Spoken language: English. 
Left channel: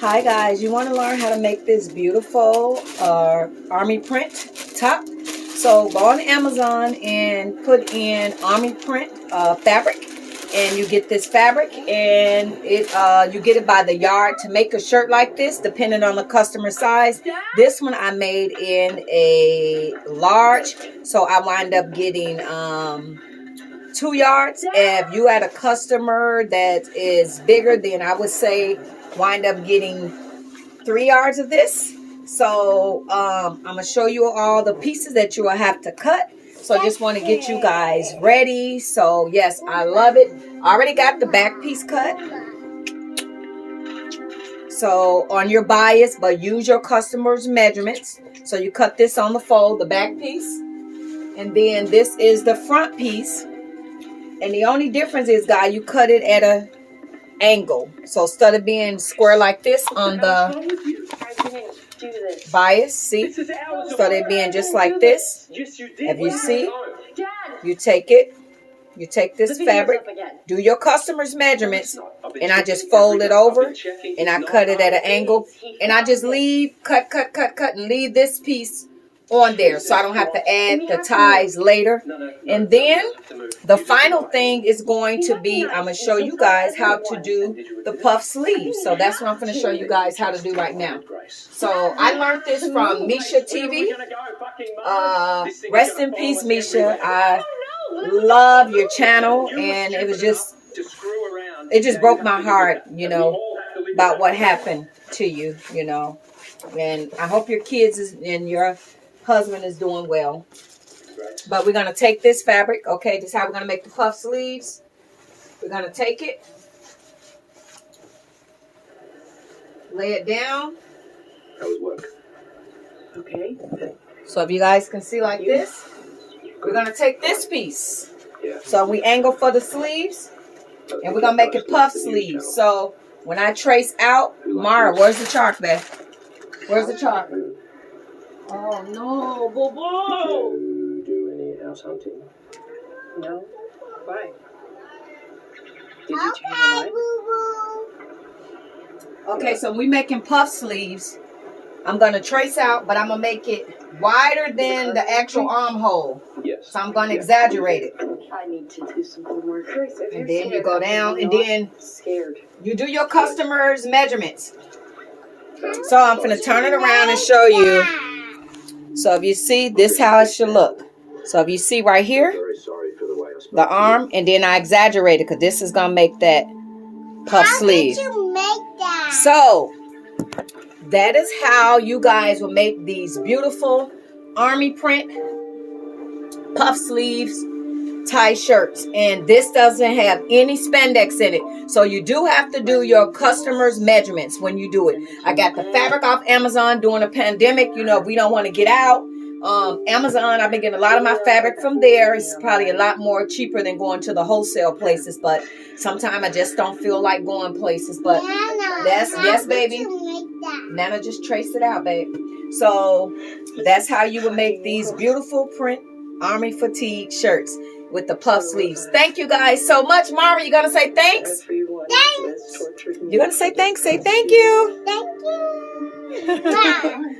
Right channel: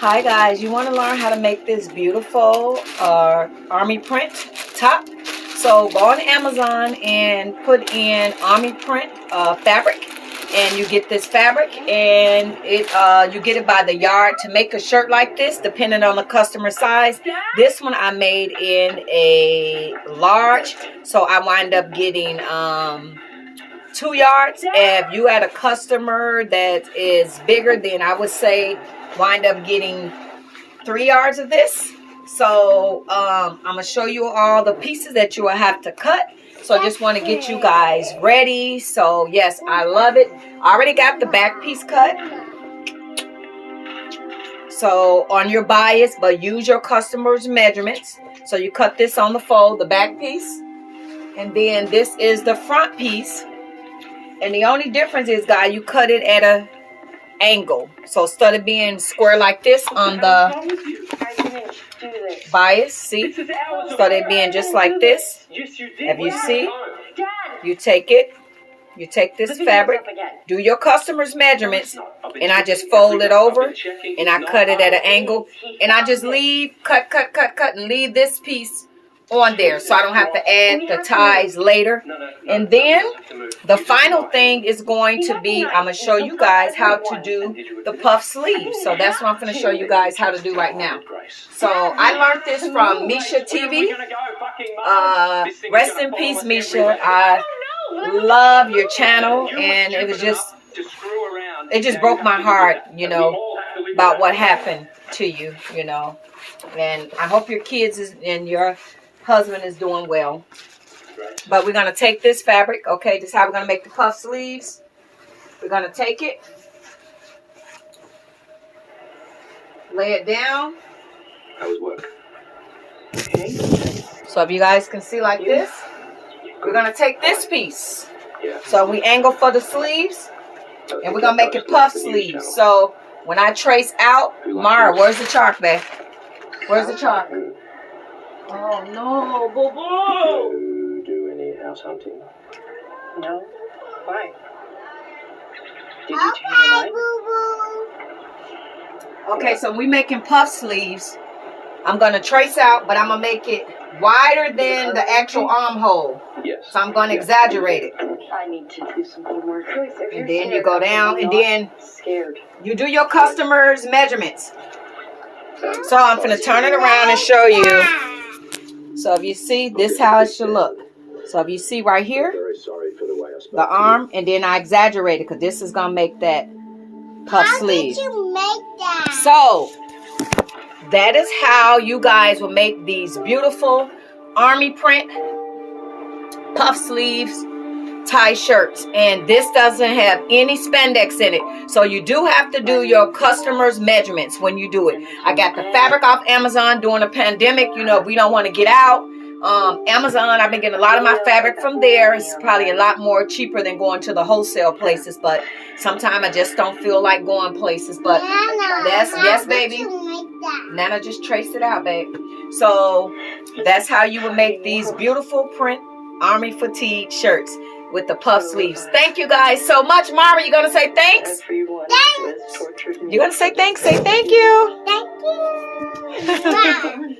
Hi guys, you want to learn how to make this beautiful army print top? So go on Amazon and put in army print fabric, and you get this fabric, and you get it by the yard to make a shirt like this, depending on the customer size. This one I made in a large, so I wind up getting 2 yards. If you had a customer that is bigger, then I would say wind up getting 3 yards of this. So I'm gonna show you all the pieces that you will have to cut. So I just want to get you guys ready. So yes, I love it. I already got the back piece cut. So on your bias, but use your customer's measurements. So you cut this on the fold, the back piece, and then this is the front piece. And the only difference is, guys, you cut it at a angle. So instead of being square like this on the bias, see? Instead of being just like this, if you see, you take it, you take this fabric, do your customer's measurements, and I just fold it over, and I cut it at an angle, and I just leave, cut, and leave this piece on there, so I don't have to add the ties later. And then the final thing is going to be, I'm going to show you guys how to do the puff sleeves. So that's what I'm going to show you guys how to do right now. So I learned this from Misha TV. Rest in peace, Misha. I love your channel, and it was just, it just broke my heart, you know, about what happened to you, you know. And I hope your kids and your husband is doing well. But we're going to take this fabric. Okay, this is how we're going to make the puff sleeves. We're going to take it, lay it down. Okay. So if you guys can see like this, we're going to take this piece. So we angle for the sleeves, and we're going to make it puff sleeves. So when I trace out, Mara, where's the chalk, babe? Where's the chalk? Oh no, boo-boo! Do any house hunting? No. Why? Did you change your mind? Okay, so we making puff sleeves. I'm gonna trace out, but I'm gonna make it wider than the actual armhole. Yes. So I'm gonna exaggerate it. I need to do some homework. And then you go down, and then you do your customer's measurements. So I'm gonna turn it around and show you. So if you see, this how it should look. So if you see right here, the arm, and then I exaggerate it because this is going to make that puff sleeve. How did you make that? So that is how you guys will make these beautiful army print puff sleeves tie shirts. And this doesn't have any spandex in it, so you do have to do your customers measurements when you do it. I got the fabric off Amazon during the pandemic. You know, we don't want to get out. Amazon, I've been getting a lot of my fabric from there. It's probably a lot more cheaper than going to the wholesale places, but sometimes I just don't feel like going places. But that's, yes baby, Nana, just trace it out, babe. So that's how you would make these beautiful print army fatigue shirts with the puff sleeves. Thank you guys so much. Mara, you gonna say thanks? Thanks. You're gonna say thanks. Say thank you. Thank you.